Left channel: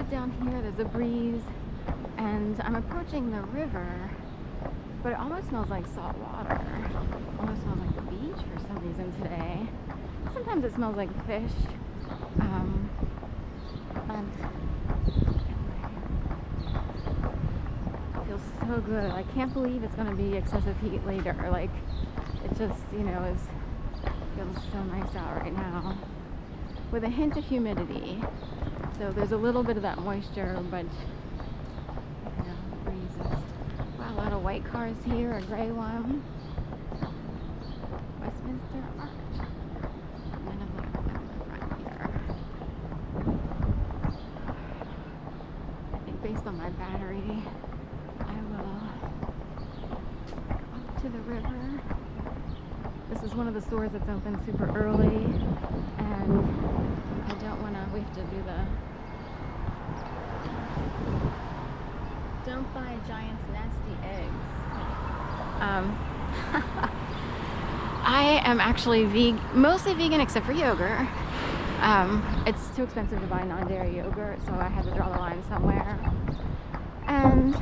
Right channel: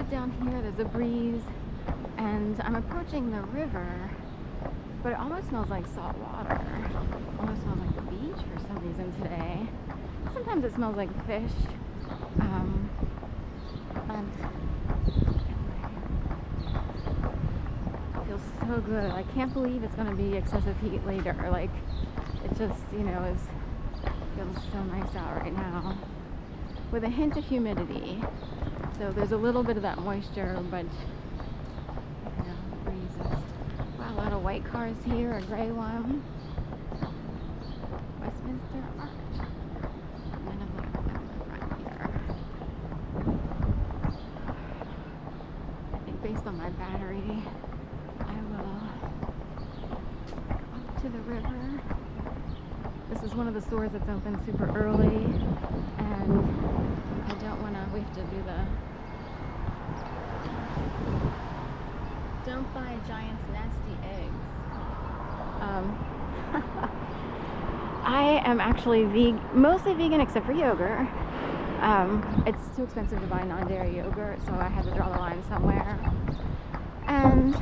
good down here. There's a breeze, and I'm approaching the river, but it almost smells like salt water. Almost smells like the beach for some reason today. Sometimes it smells like fish. And it feels so good. I can't believe it's going to be excessive heat later. Like, it just, feels so nice out right now, with a hint of humidity. So there's a little bit of that moisture, but the breeze is... Wow, a lot of white cars here, a gray one. Westminster Arch. And then a little bit in the front here. I think based on my battery, I will go up to the river. This is one of the stores that's open super early, and I don't want to, we have to do the don't buy giant's nasty eggs. I am actually mostly vegan except for yogurt. It's too expensive to buy non-dairy yogurt, so I had to draw the line somewhere. And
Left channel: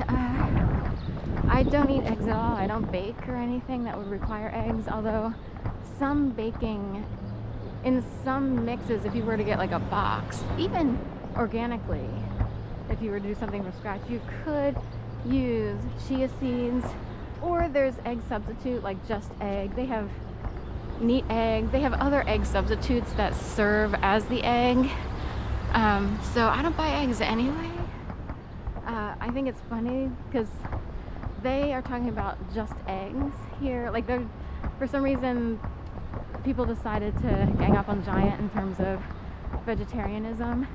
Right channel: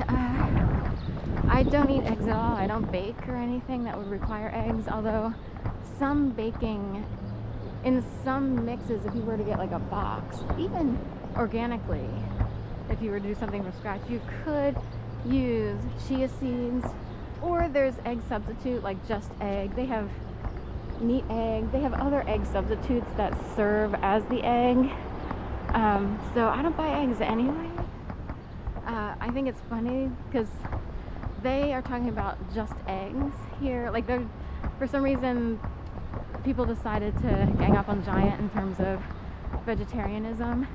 I don't eat eggs at all. I don't bake or anything that would require eggs, although some baking, in some mixes, if you were to get like a box, even organically, if you were to do something from scratch, you could use chia seeds, or there's egg substitute like Just Egg. They have neat egg. They have other egg substitutes that serve as the egg. So I don't buy eggs anyway. I think it's funny because they are talking about just eggs here. Like, for some reason, people decided to gang up on Giant in terms of vegetarianism,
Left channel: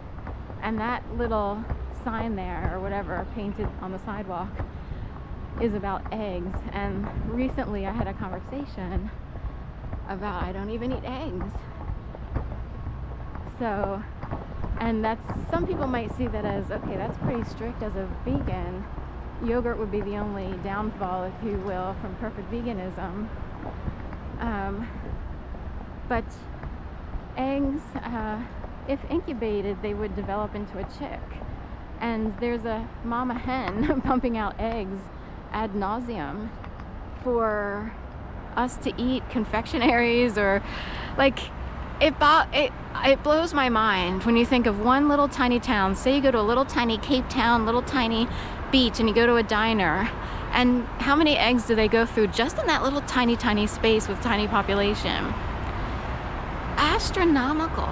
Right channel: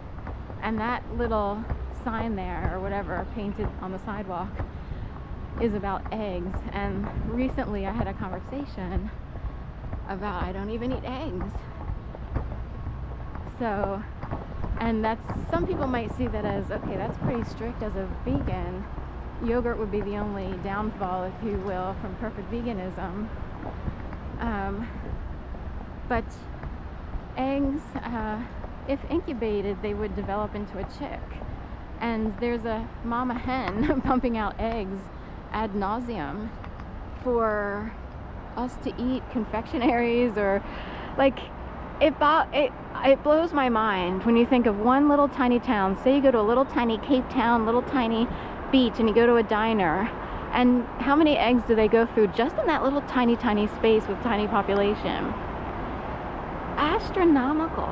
and that little sign there or whatever painted on the sidewalk is about eggs. And recently I had a conversation about I don't even eat eggs. So, and that's, some people might see that as, okay, that's pretty strict as a vegan. Yogurt would be the only downfall, if you will, from perfect veganism. But eggs, if incubated, they would develop into a chick. And there's a mama hen pumping out eggs ad nauseum for us to eat, confectionaries, or like, it blows my mind when you think of one little tiny town. Say you go to a little tiny Cape Town, little tiny beach, and you go to a diner, and how many eggs do they go through just in that little tiny space with tiny population? Astronomical.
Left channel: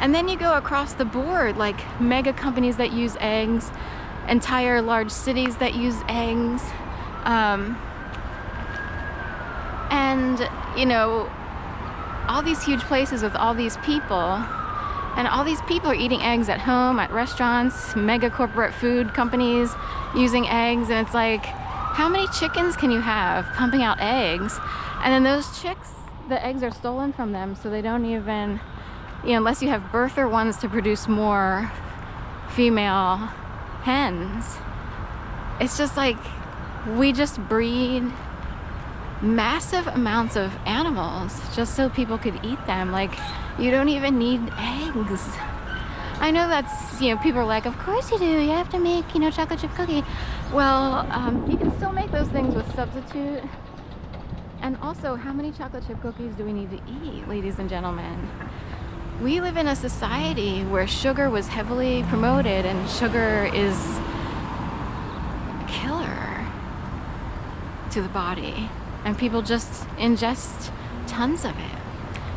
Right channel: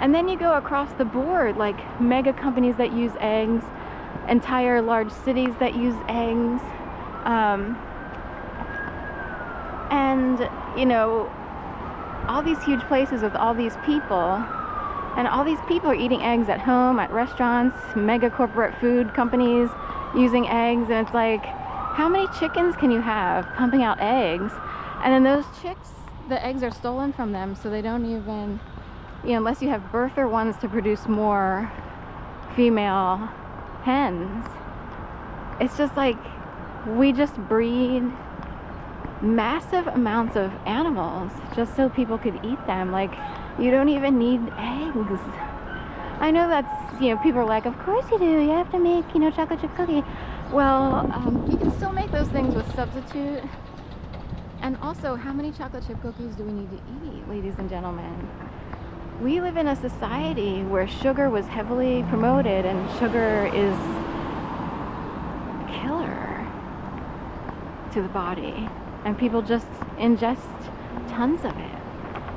And then you go across the board, like mega companies that use eggs, entire large cities that use eggs, and all these huge places with all these people, and all these people are eating eggs at home, at restaurants, mega corporate food companies using eggs. And it's like, how many chickens can you have pumping out eggs? And then those chicks, the eggs are stolen from them, so they don't even, unless you have birther ones to produce more female hens. It's just like, we just breed massive amounts of animals just so people could eat them. Like, you don't even need eggs. I know that's, people are like, of course you do, you have to make, chocolate chip cookie. Well, you can still make those things with substitute. And also, how many chocolate chip cookies do we need to eat, ladies and gentlemen? We live in a society where sugar was heavily promoted, and sugar is a killer to the body, and people just ingest tons of it.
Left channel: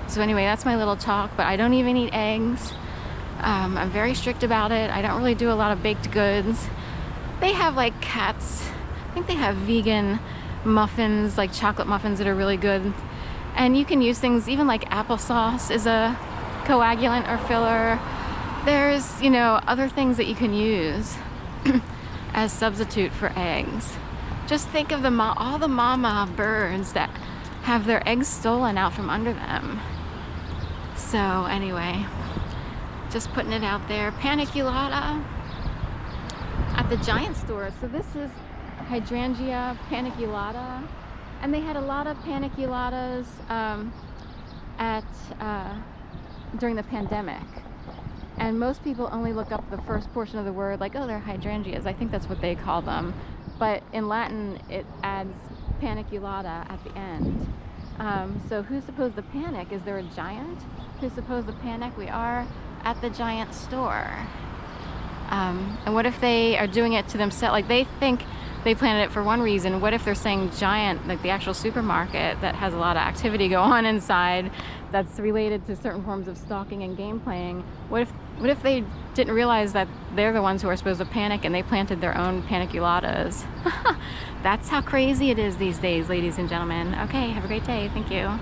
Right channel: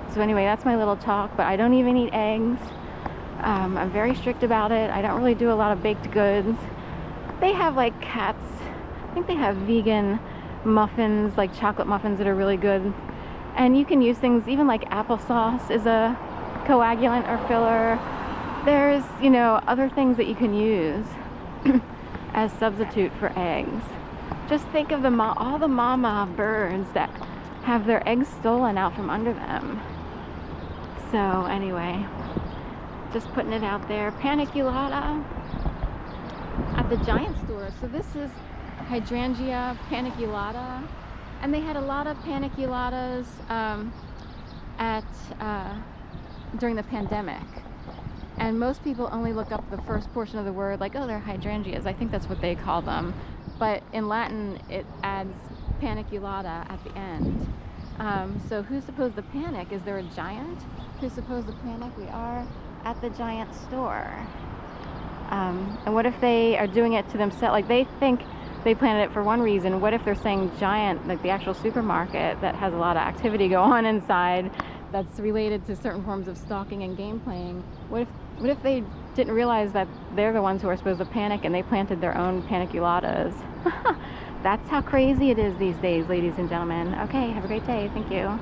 So anyway, that's my little talk, but I don't even eat eggs. I'm very strict about it. I don't really do a lot of baked goods. They have like Cats, I think they have vegan muffins, like chocolate muffins that are really good. And you can use things, even like applesauce is a coagulant or filler. There's, other things that you can use as substitute for eggs. Just think of all the mama birds that have their eggs stolen out from under them. So anyway, just putting it out there. Paniculata at the Giant store. So this is Hydrangea Paniculata, and they had a lot of paniculatas during the pandemic. And most people only look up the first portion of the word, like, oh, they're hydrangeas. I think that's what they call them. But in Latin, it adds paniculata at the end. So who's supposed to panic? Is there a giant who's supposed to panic? We are at the giant store. And what if they are doing it to themselves? Like, they think they planted it for one reason. What if they're saying giant, like the actual supermarket that has a lot of activity go on inside that's related to certain forms of stalking and game playing? What if they didn't realize that they're the ones who are supposed to panic and they planted their own paniculatas? That's how crazy it is these days, ladies and gentlemen. Okay, have a great day. Thank you.